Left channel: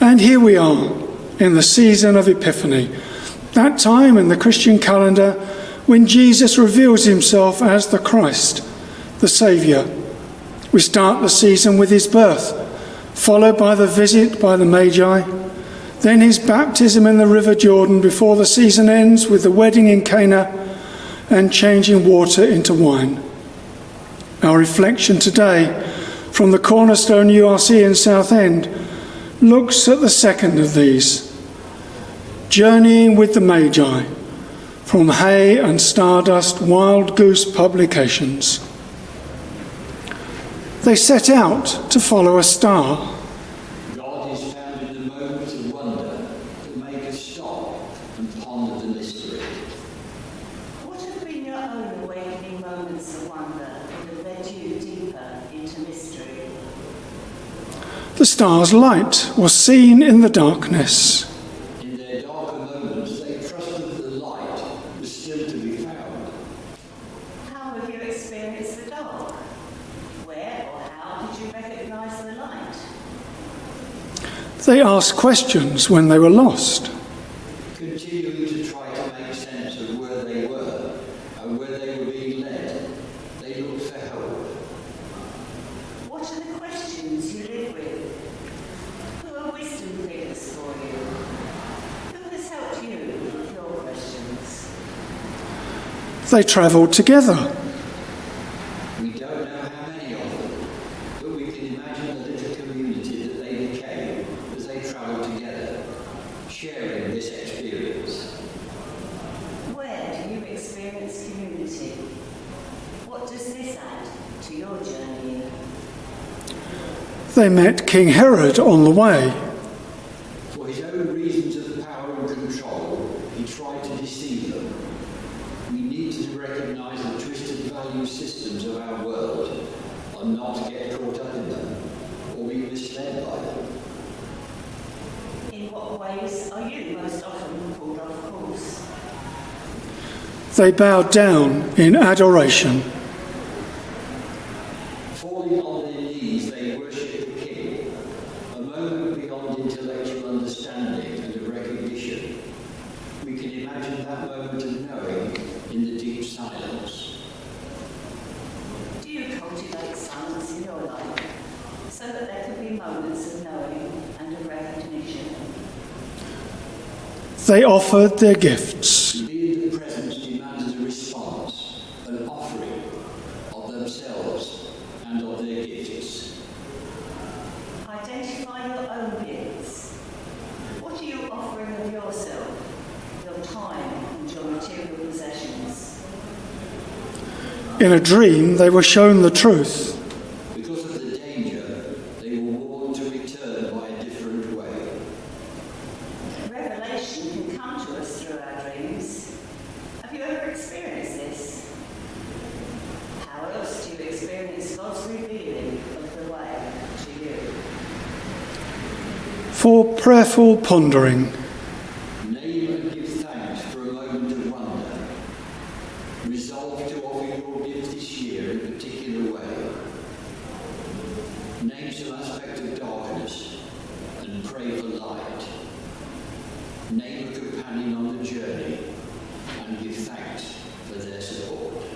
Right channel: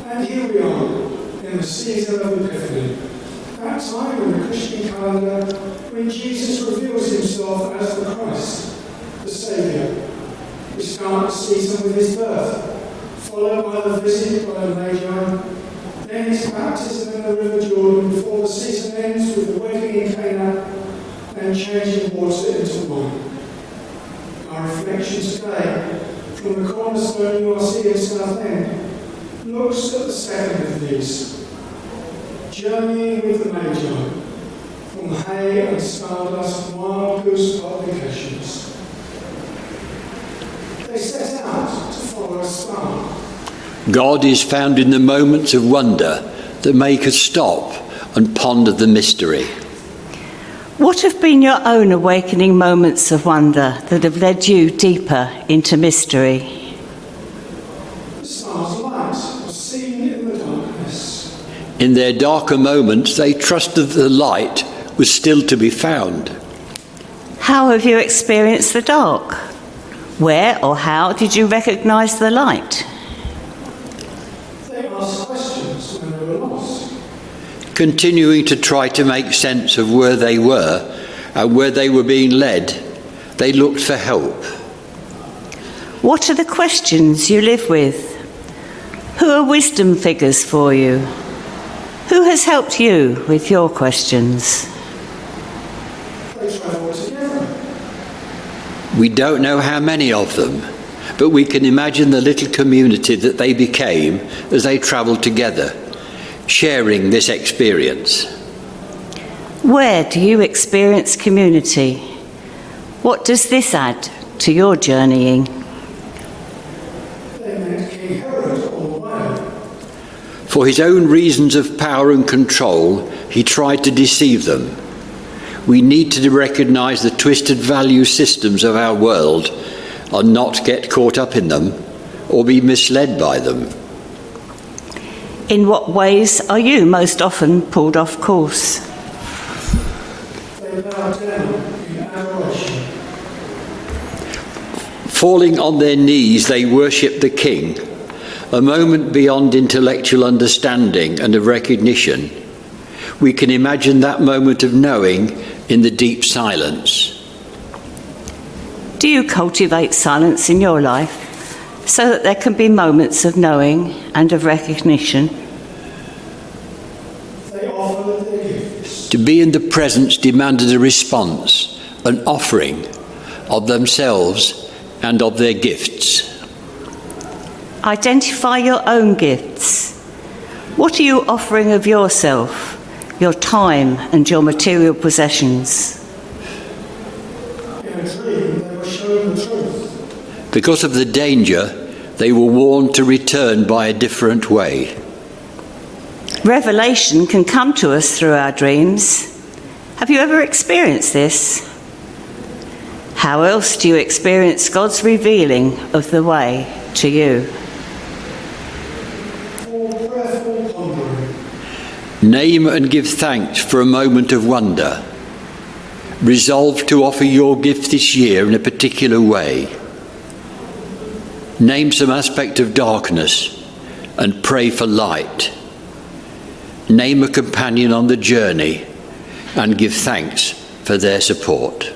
And here we are in the season of Epiphany, that time in the Christian calendar when Jesus reveals himself as the Christ, the Saviour. We start the season with his birth, followed by the visit by the Maggi, then his baptism in the River Jordan before the season ends with the wedding in Cana and changing water into wine. Our reflection today from the Cornerstone URC in Southend looks at the second of these, Journeying with the Maggi, from Hay and Stardust Wild Goose Publications. They set out to follow a star. God is found in the moments of wonder that make us stop and ponder the mystery. What have been your own awakening moments of wonder that have led you deeper into mystery? The star's light was seen in the darkness. In their darker moments, they trusted the light was still to be found. How have you experienced the dark? Where or how did you recognise the light? They asked questions when they were lost. Continuing to try to make sense of where they were and where they were being led, they looked for help. What are the questions you live with? Who are wisdom figures for you? Who has helped you with your questions? They travelled together. We don't know how many of them, but we can imagine the little community that they became as they travelled together, sharing this experience. Where do you experience community? What does this add to your journeying? They met King Herod on the way. For his own reasons of power and control, he tried to deceive them. We need to recognise the twisted value systems of our world and not get caught up in them or be misled by them. In what ways are you most often pulled off course? They bowed down in adoration. Falling on their knees, they worshipped the King, a moment beyond intellectual understanding and of recognition. We can imagine that moment of knowing in the deep silence. Do you cultivate silence in your life so that there can be moments of knowing and of recognition? They offered their gifts. To be in the presence demanded a response, an offering of themselves and of their gifts. Identify your own gifts. What are you offering of yourself, your time and your material possessions? In a dream, they were shown the truth. Because of the danger, they were warned to return by a different way. Revelation can come to us through our dreams. Have you ever experienced this? How else do you experience God's revealing of the way to you? For prayerful pondering. Name and give thanks for a moment of wonder. Resolve to offer your gift this year in a particular way. Name some aspect of darkness and pray for light. Name a companion on the journey and give thanks for their support.